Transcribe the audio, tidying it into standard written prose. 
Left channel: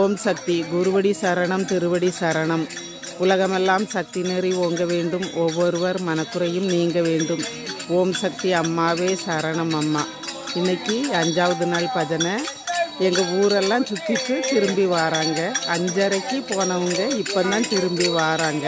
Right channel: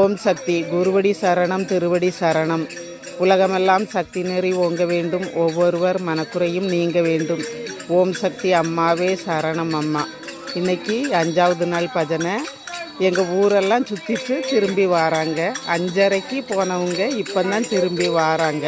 ஓம் சக்தி குருவடி சரணம் திருவடி சரணம். உலகமெல்லாம் சக்தி நெறி ஓங்க வேண்டும், ஒவ்வொருவர் மனக்குறையும் நீங்க வேண்டும். ஓம் சக்தி அம்மாவே சரணம் அம்மா. இன்னைக்கு 5வது நாள் பஜனை. எங்கள் ஊரெல்லாம் சுற்றிட்டு திரும்பி வராங்க. 5:30க்கு போனவங்க இப்போ தான் திரும்பி வராங்க.